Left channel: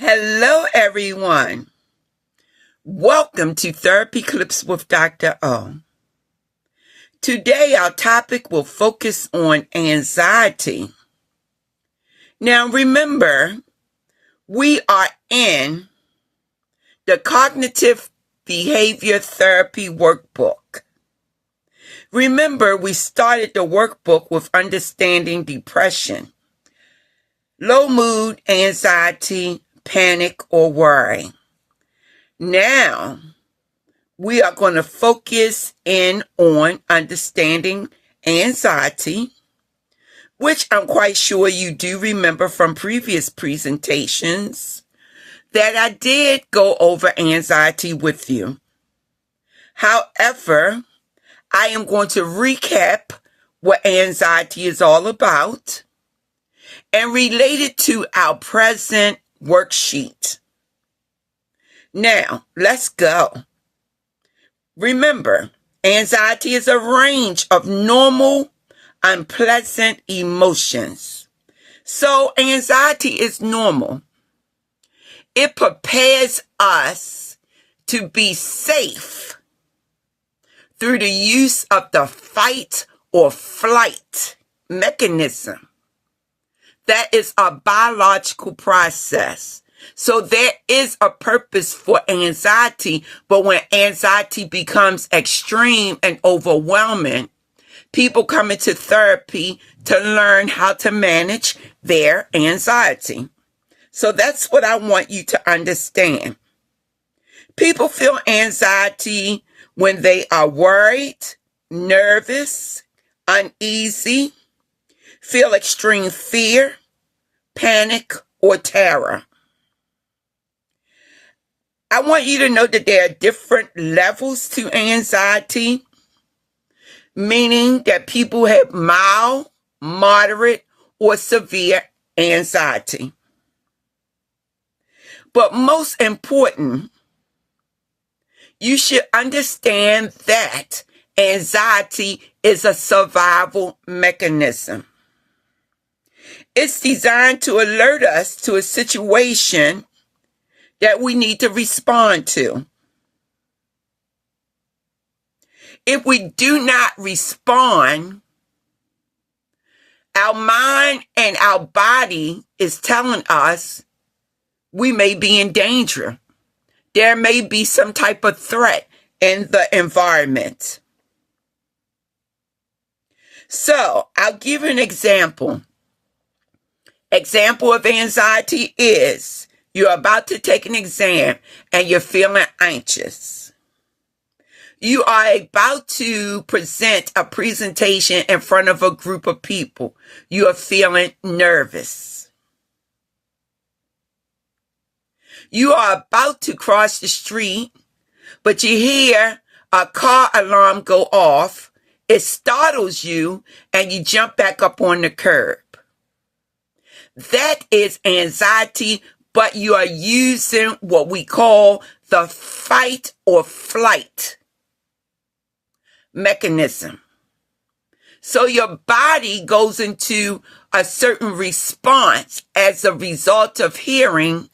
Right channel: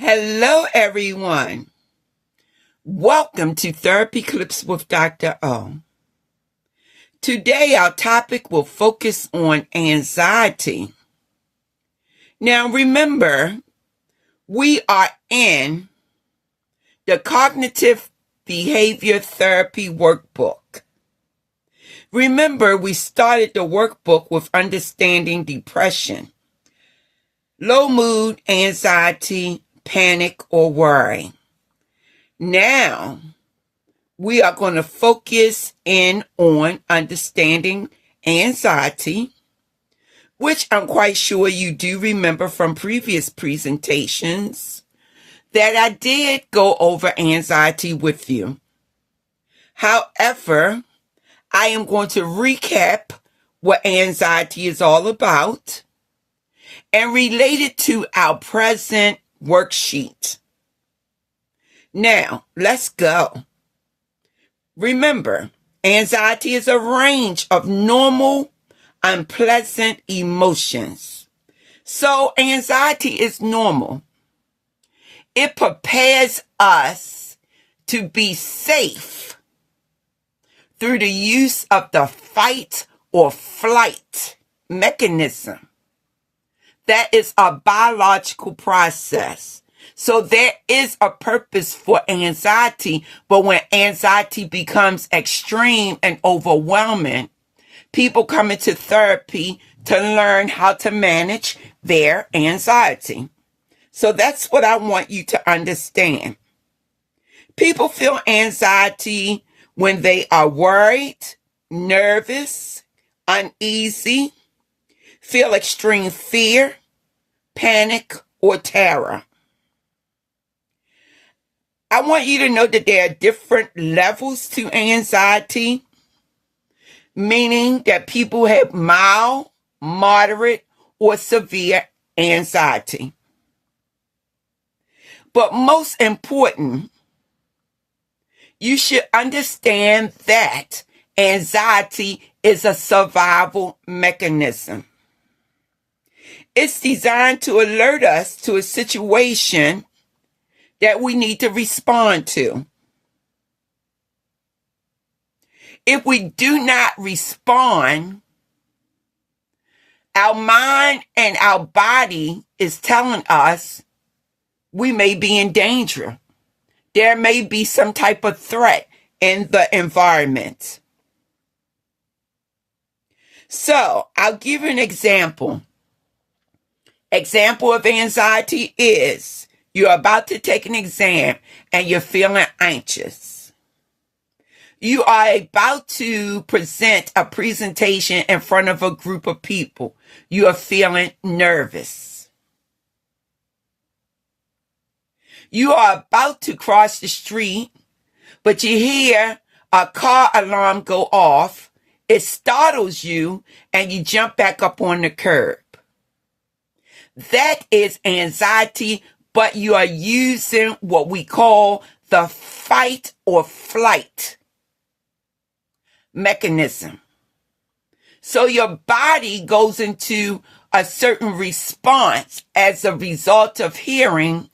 Hello, everyone. Welcome to Therapy Clips with Dr. O. Today, our topic will focus on anxiety. Now, remember, we are in the Cognitive Behavior Therapy Workbook. Remember, we started the workbook with understanding depression, low mood, anxiety, panic, or worry. Now, we are going to focus in on understanding anxiety, which I'm quite sure you do remember from previous presentations that I did go over anxiety with you. However, I am going to recap what anxiety is all about and relate it to our present worksheet. Now, let's go. Remember, anxiety is a range of normal, unpleasant emotions. So, anxiety is normal. It prepares us to be safe through the use of the fight or flight mechanism. That is a biological process. So there is a purpose for anxiety, but when anxiety becomes extreme and overwhelming, people come into therapy to learn how to manage their anxiety. So that's what I want you to understand. People feel anxiety when they are worried, nervous, uneasy, feel extreme fear, panic, or terror. I want you to know that there are different levels to anxiety, meaning that people have mild, moderate, or severe anxiety. But most important, you should understand that anxiety is a survival mechanism. It's designed to alert us to a situation that we need to respond to. If we do not respond, our mind and our body is telling us we may be in danger. There may be some type of threat in the environment. So, I'll give you an example. Example of anxiety is you're about to take an exam and you're feeling anxious. You are about to present a presentation in front of a group of people. You are feeling nervous. You are about to cross the street, but you hear a car alarm go off. It startles you and you jump back up on the curb. That is anxiety, but you are using what we call the fight or flight mechanism. So your body goes into a certain response as a result of hearing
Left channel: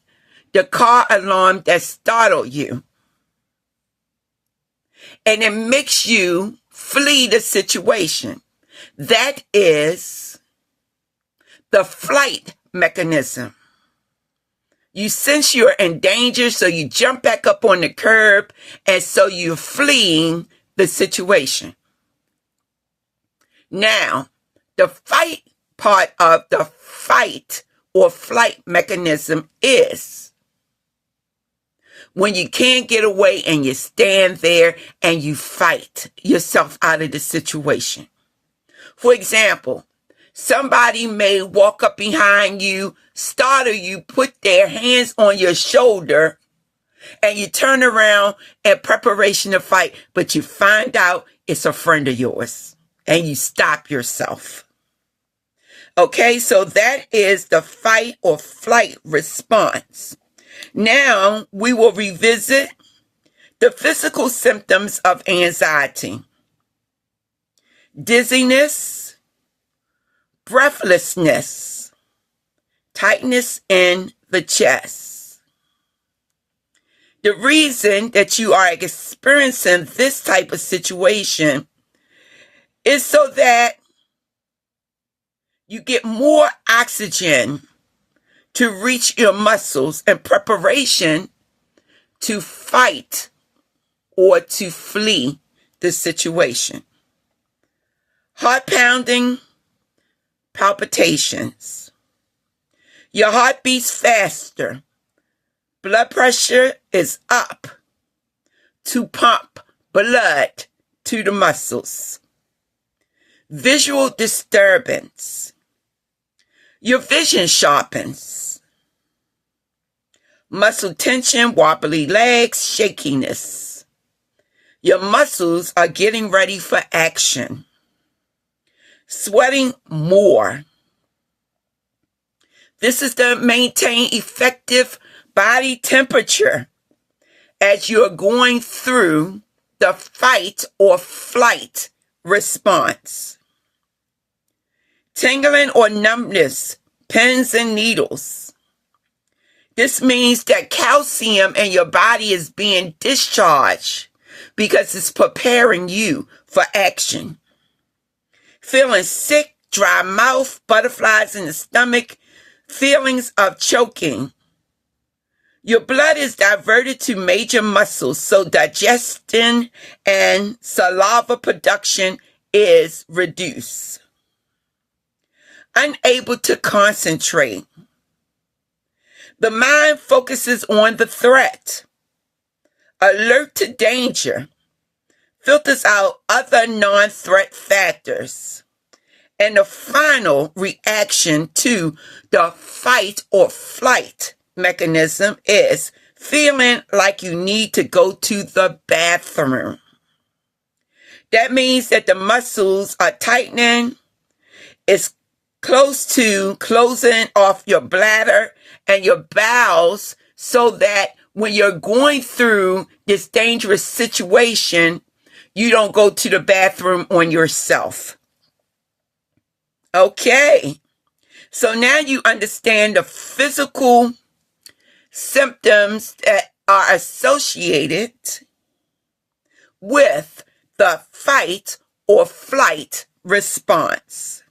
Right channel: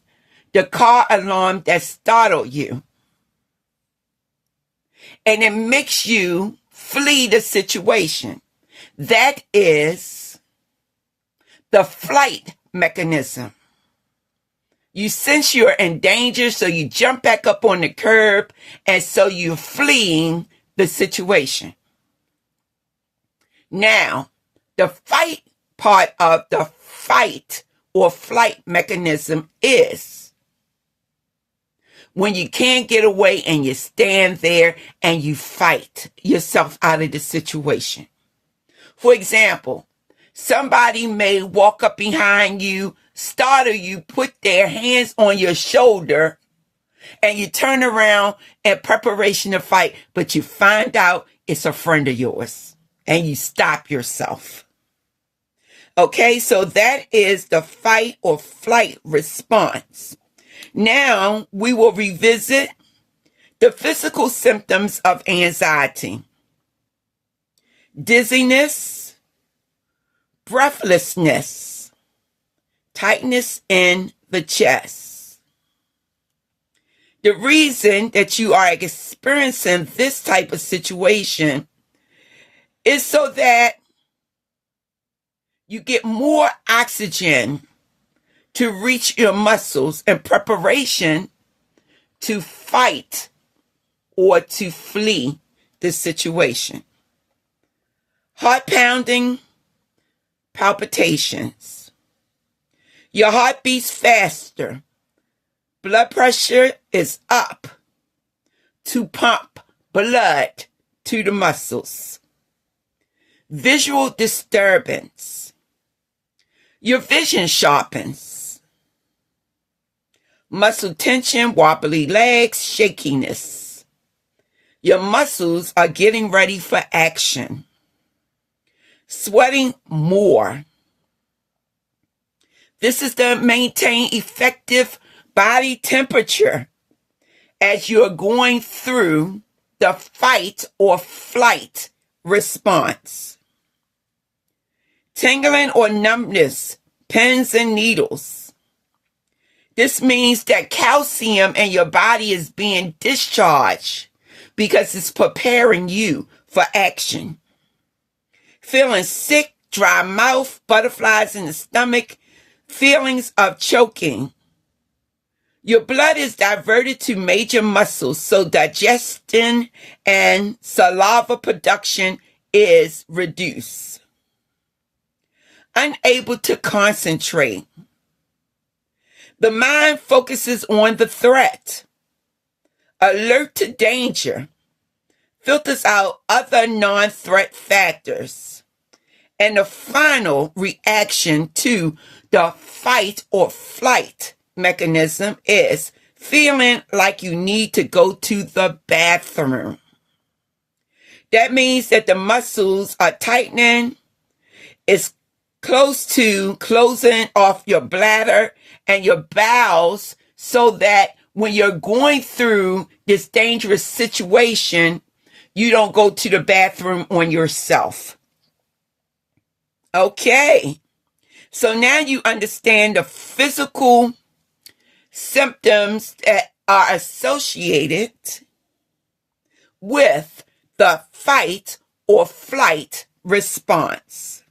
the car alarm that startled you. And it makes you flee the situation. That is the flight mechanism. You sense you're in danger, so you jump back up on the curb, and so you're fleeing the situation. Now, the fight part of the fight or flight mechanism is when you can't get away and you stand there and you fight yourself out of the situation. For example, somebody may walk up behind you, startle you, put their hands on your shoulder, and you turn around in preparation to fight, but you find out it's a friend of yours, and you stop yourself. Okay, so that is the fight or flight response. Now, we will revisit the physical symptoms of anxiety. Dizziness, breathlessness, tightness in the chest, The reason that you are experiencing this type of situation is so that you get more oxygen to reach your muscles in preparation to fight or to flee the situation. Heart pounding, palpitations. Your heart beats faster. Blood pressure is up to pump blood to the muscles. Visual disturbance. Your vision sharpens. Muscle tension, wobbly legs, shakiness. Your muscles are getting ready for action. Sweating more. This is to maintain effective body temperature as you're going through the fight or flight response. Tingling or numbness, pins and needles. This means that calcium in your body is being discharged because it's preparing you for action. Feeling sick, dry mouth, butterflies in the stomach, feelings of choking. Your blood is diverted to major muscles, so digestion and saliva production is reduced. Unable to concentrate. The mind focuses on the threat. Alert to danger. Filters out other non-threat factors. And the final reaction to the fight or flight mechanism is feeling like you need to go to the bathroom. That means that the muscles are tightening. It's close to closing off your bladder and your bowels so that when you're going through this dangerous situation, you don't go to the bathroom on yourself. Okay. So now you understand the physical symptoms that are associated with the fight or flight response.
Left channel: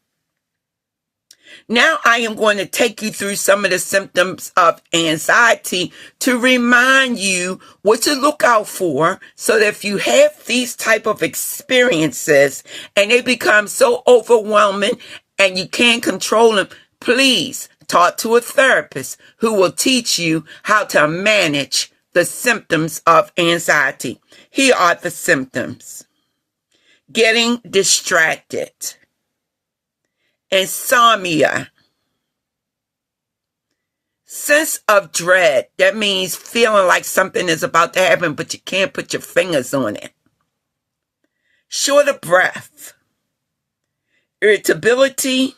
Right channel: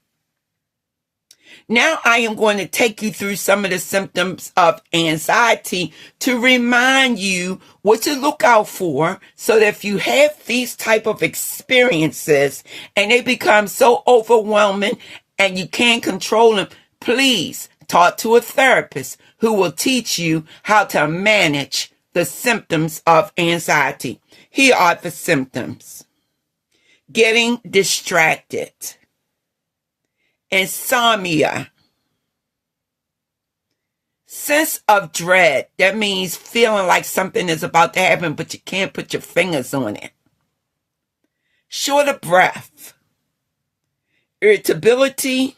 Now I am going to take you through some of the symptoms of anxiety to remind you what to look out for, so that if you have these type of experiences and they become so overwhelming and you can't control them, please talk to a therapist who will teach you how to manage the symptoms of anxiety. Here are the symptoms. Getting distracted. Insomnia. Sense of dread. That means feeling like something is about to happen, but you can't put your fingers on it. Short of breath. Irritability.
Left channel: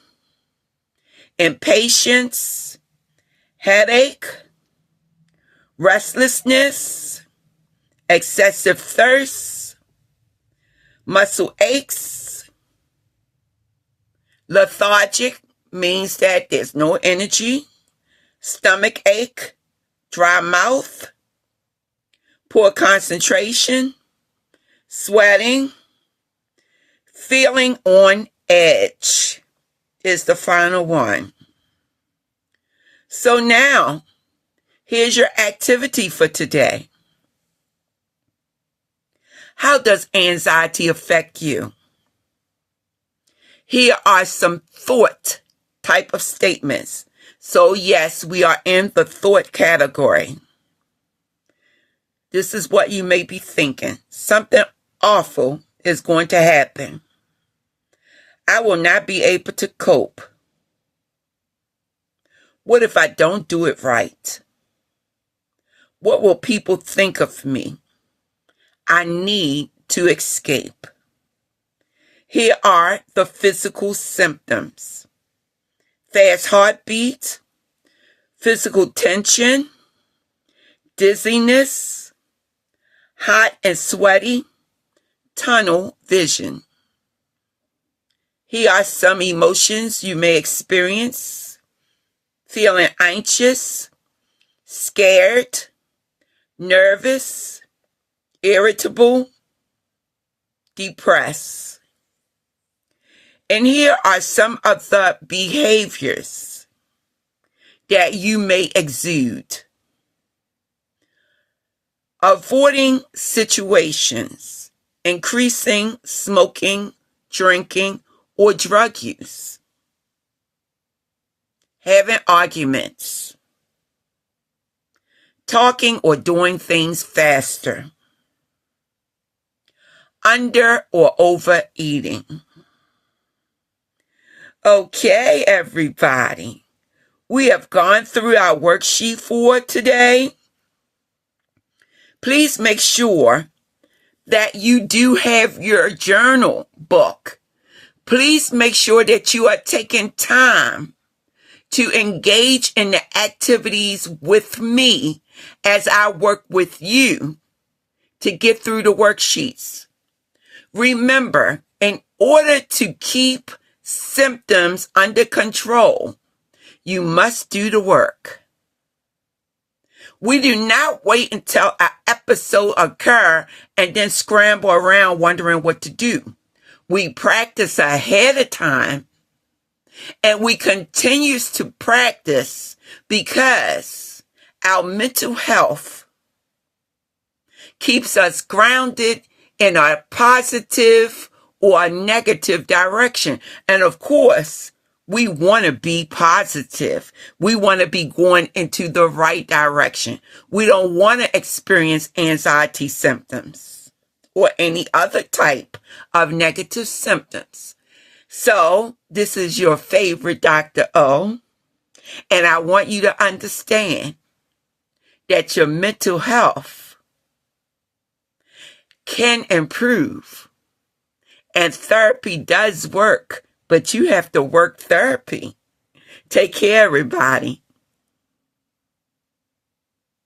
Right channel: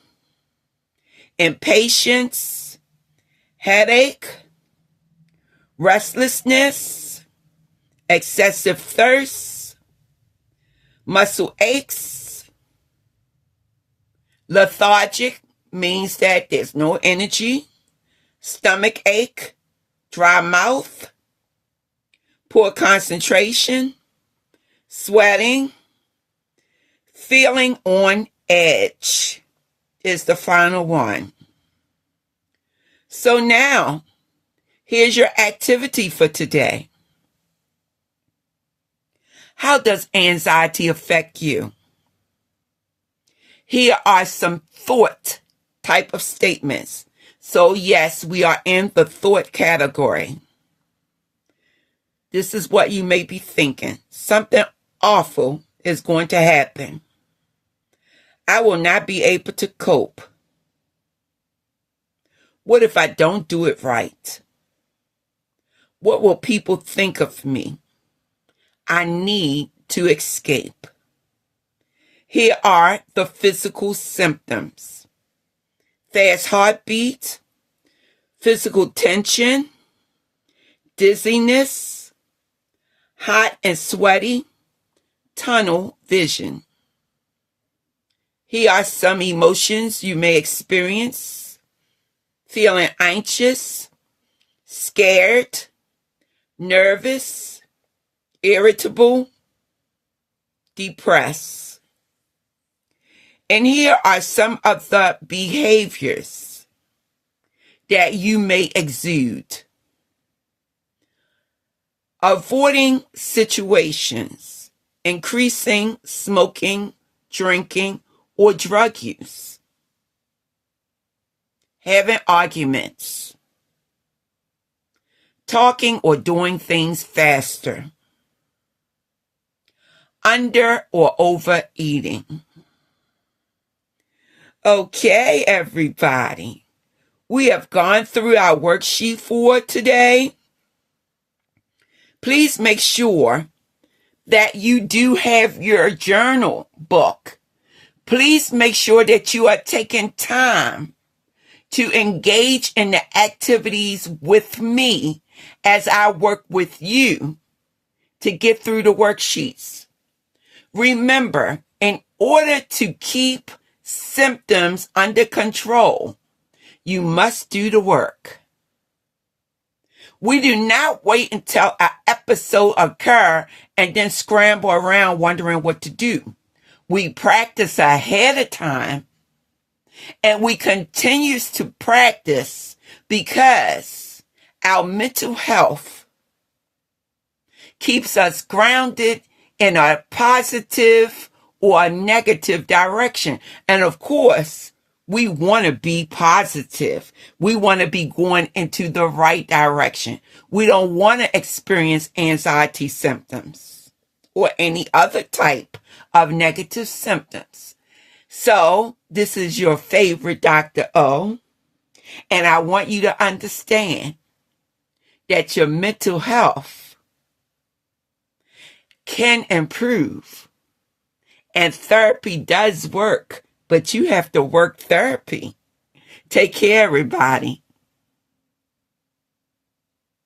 Impatience. Headache. Restlessness. Excessive thirst. Muscle aches. Lethargic means that there's no energy. Stomach ache, dry mouth, poor concentration, sweating, feeling on edge is the final one. So now, here's your activity for today. How does anxiety affect you? Here are some thought type of statements. So yes, we are in the thought category. This is what you may be thinking. Something awful is going to happen. I will not be able to cope. What if I don't do it right? What will people think of me? I need to escape. Here are the physical symptoms. Fast heartbeat, physical tension, dizziness, hot and sweaty, tunnel vision. Here are some emotions you may experience. Feeling anxious, scared, nervous, irritable, depressed. And here are some of the behaviors that you may exude. Avoiding situations, increasing smoking, drinking, or drug use. Having arguments. Talking or doing things faster. Under or overeating. Okay, everybody. We have gone through our worksheet for today. Please make sure that you do have your journal book. Please make sure that you are taking time to engage in the activities with me as I work with you to get through the worksheets. Remember, in order to keep symptoms under control, you must do the work. We do not wait until an episode occurs and then scramble around wondering what to do. We practice ahead of time, and we continue to practice because our mental health keeps us grounded in a positive or a negative direction. And of course, we want to be positive. We want to be going into the right direction. We don't want to experience anxiety symptoms or any other type of negative symptoms. So this is your favorite Dr. O, and I want you to understand that your mental health can improve, and therapy does work, but you have to work therapy. Take care, everybody.